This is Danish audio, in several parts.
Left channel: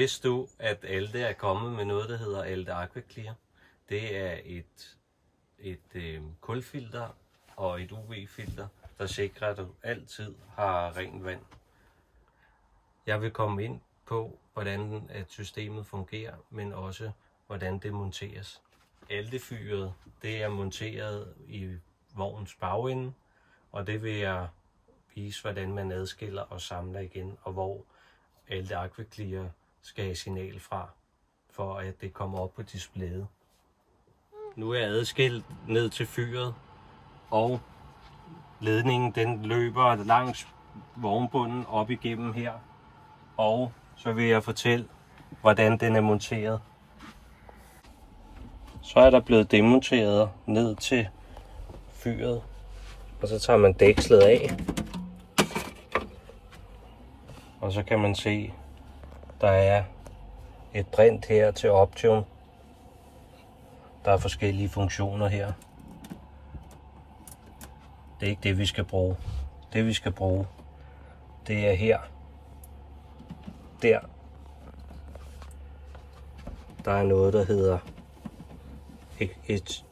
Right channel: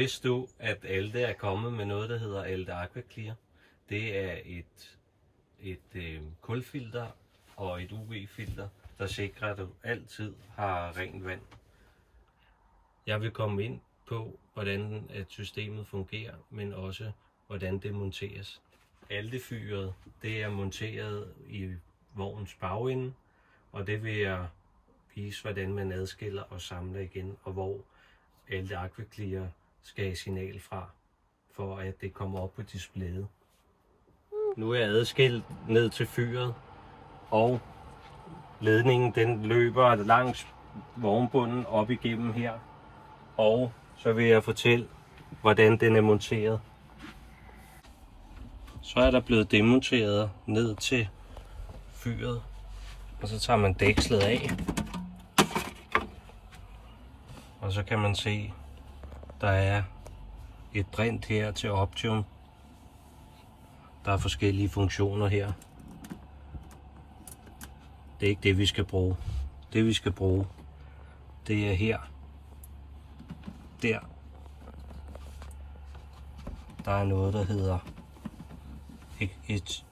Vidste du, at Alte er kommet med noget, der hedder Alte Aquaclear? Det er et kulfilter og et UV-filter, der sikrer, at du altid har rent vand. Jeg vil komme ind på, hvordan at systemet fungerer, men også hvordan det monteres. Alte-fyret, det er monteret i vognens bagende, og det vil jeg vise, hvordan man adskiller og samler igen, og hvor Alte Aquaclear skal have signal fra, for at det kommer op på displayet. Nu er jeg adskilt ned til fyret, og ledningen den løber langs vognbunden op igennem her. Og så vil jeg fortælle, hvordan den er monteret. Så er der blevet demonteret ned til fyret, og så tager man dækslet af. Og så kan man se, der er et brint her til Option. Der er forskellige funktioner her. Det er ikke det, vi skal bruge. Det vi skal bruge, det er her. Der. Der er noget, der hedder et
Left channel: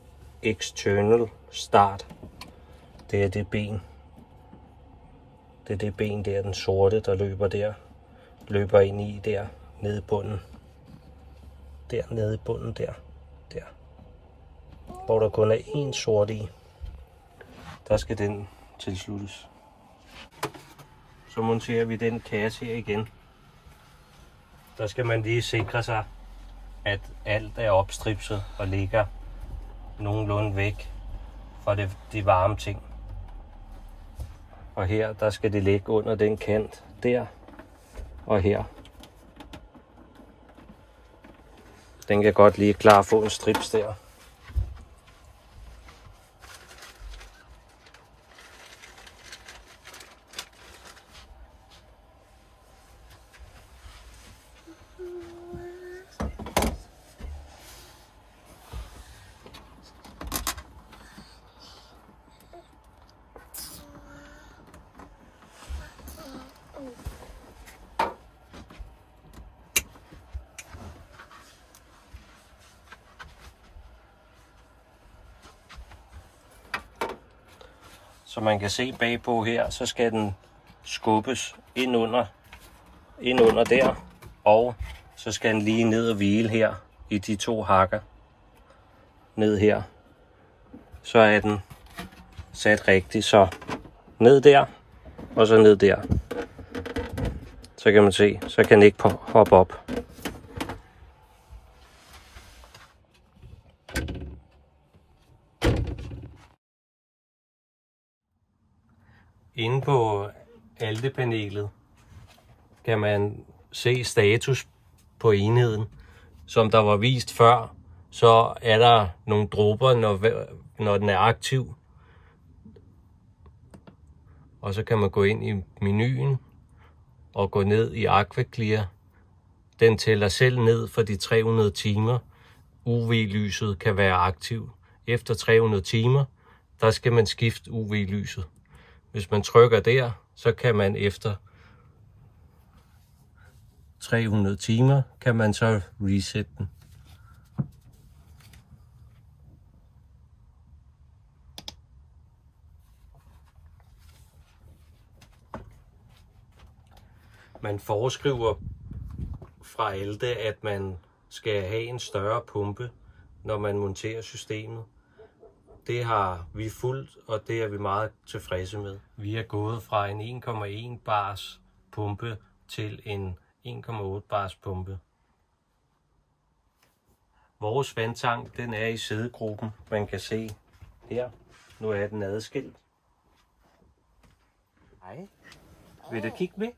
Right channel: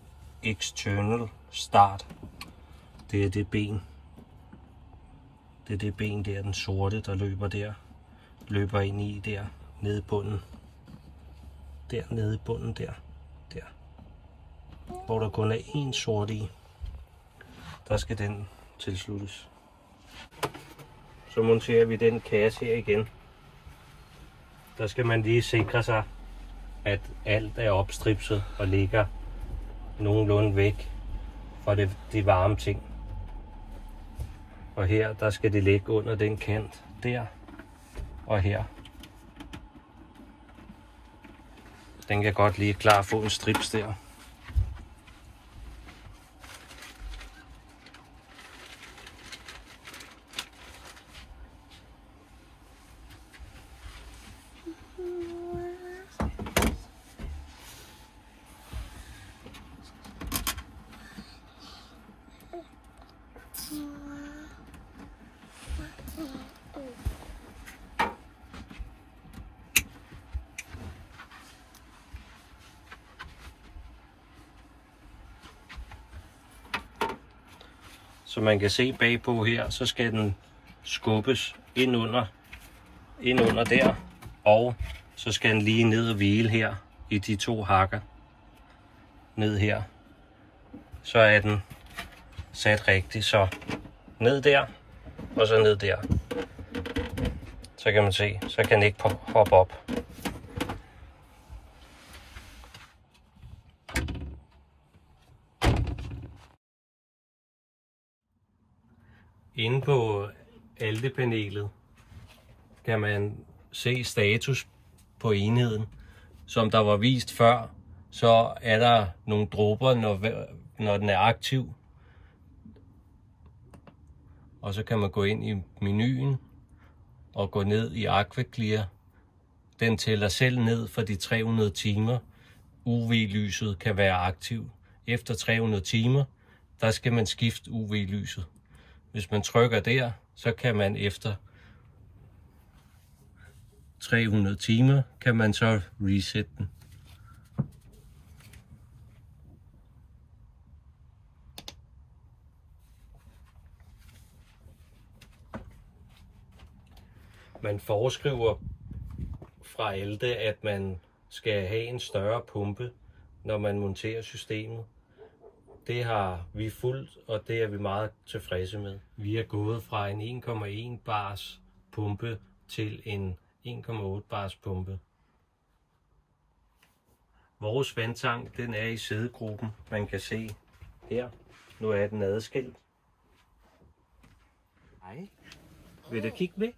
external start. Det er det ben. Det er det ben der, den sorte, der løber der. Løber ind i der, nede i bunden. Der, nede i bunden der. Der. Hvor der kun er én sort i. Der skal den tilsluttes. Så monterer vi den kasse her igen. Der skal man lige sikre sig, at alt er opstripset og ligger nogenlunde væk fra de varme ting. Og her, der skal det ligge under den kant der og her. Den kan godt lige klar få en strips der. Så man kan se bagpå her, så skal den skubbes ind under der, og så skal den lige ned og hvile her i de to hakker. Ned her. Så er den sat rigtigt, så ned der, og så ned der. Så kan man se, så kan den ikke hoppe op. Inde på Alte-panelet kan man se status på enheden. Som der var vist før, så er der nogle dråber, når den er aktiv. Og så kan man gå ind i menuen og gå ned i Aquaclear. Den tæller selv ned for de 300 timer. UV-lyset kan være aktiv. Efter 300 timer, der skal man skifte UV-lyset. Hvis man trykker der, så kan man efter 300 timer, kan man så reset den. Man foreskriver fra Alte, at man skal have en større pumpe, når man monterer systemet. Det har vi fulgt, og det er vi meget tilfredse med. Vi er gået fra en 1,1 bars pumpe til en 1,8 bars pumpe. Vores vandtank, den er i sædegruppen. Man kan se her. Nu er den adskilt. Hej. Vil du kigge med?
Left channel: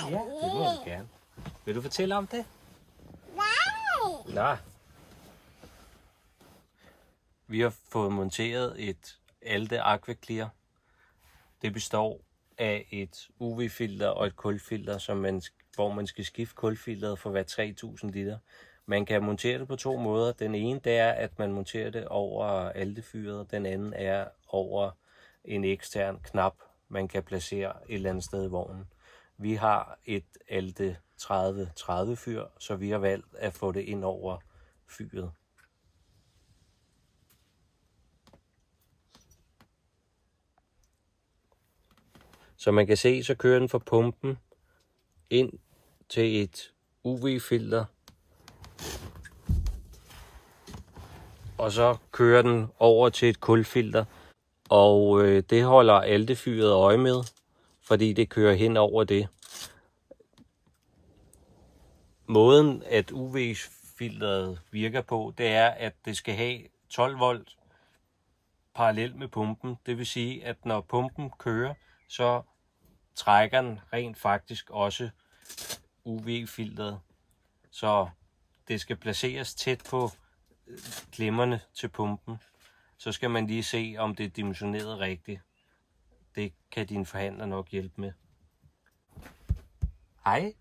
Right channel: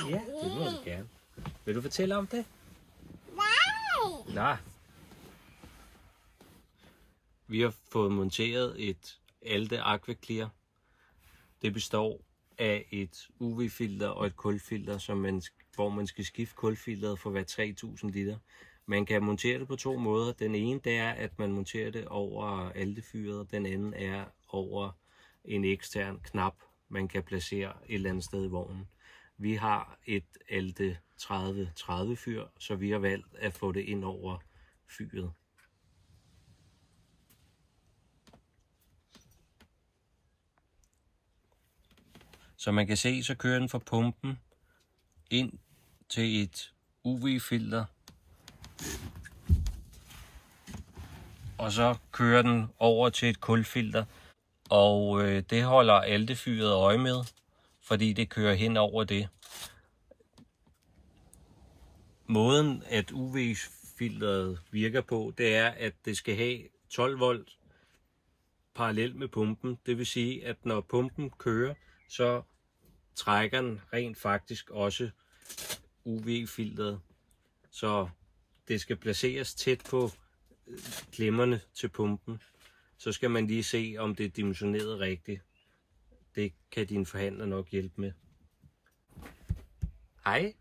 Ja, det må du gerne. Vil du fortælle om det? Nej. Nej. Vi har fået monteret et Alte Aquaclear. Det består af et UV-filter og et kulfilter, hvor man skal skifte kulfilteret for hver 3000 liter. Man kan montere det på to måder. Den ene det er, at man monterer det over Alte-fyret. Den anden er over en ekstern knap, man kan placere et eller andet sted i vognen. Vi har et Alte 3030 fyr, så vi har valgt at få det ind over fyret. Så man kan se, så kører den fra pumpen ind til et UV-filter. Og så kører den over til et kulfilter. Og det holder Alte-fyret øje med, fordi det kører hen over det. Måden at UV-filteret virker på, det er, at det skal have 12 volt parallelt med pumpen. Det vil sige, at når pumpen kører, så trækker den rent faktisk også UV-filteret. Så det skal placeres tæt på klemmerne til pumpen. Så skal man lige se, om det er dimensioneret rigtigt. Det kan din forhandler nok hjælpe med. Hej.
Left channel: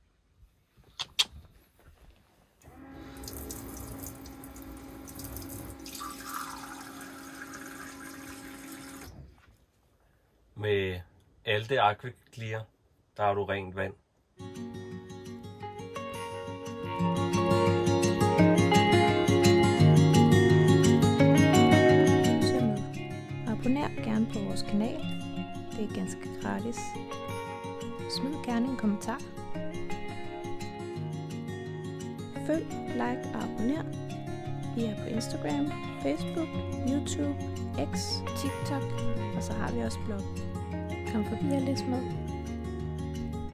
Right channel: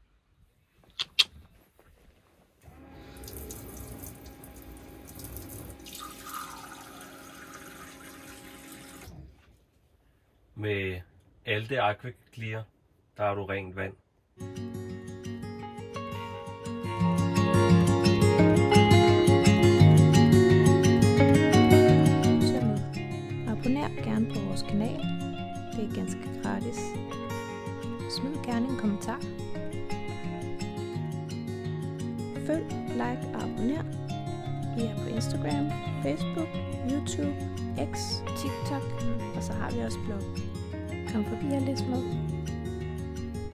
Med Alte Aqua Clear, der har du rent vand. Så med. Abonner gerne på vores kanal. Det er ganske gratis. Smid gerne en kommentar. Følg, like og abonner. Vi er på Instagram, Facebook, YouTube, X, TikTok, og så har vi også blog. Kom forbi og læs med.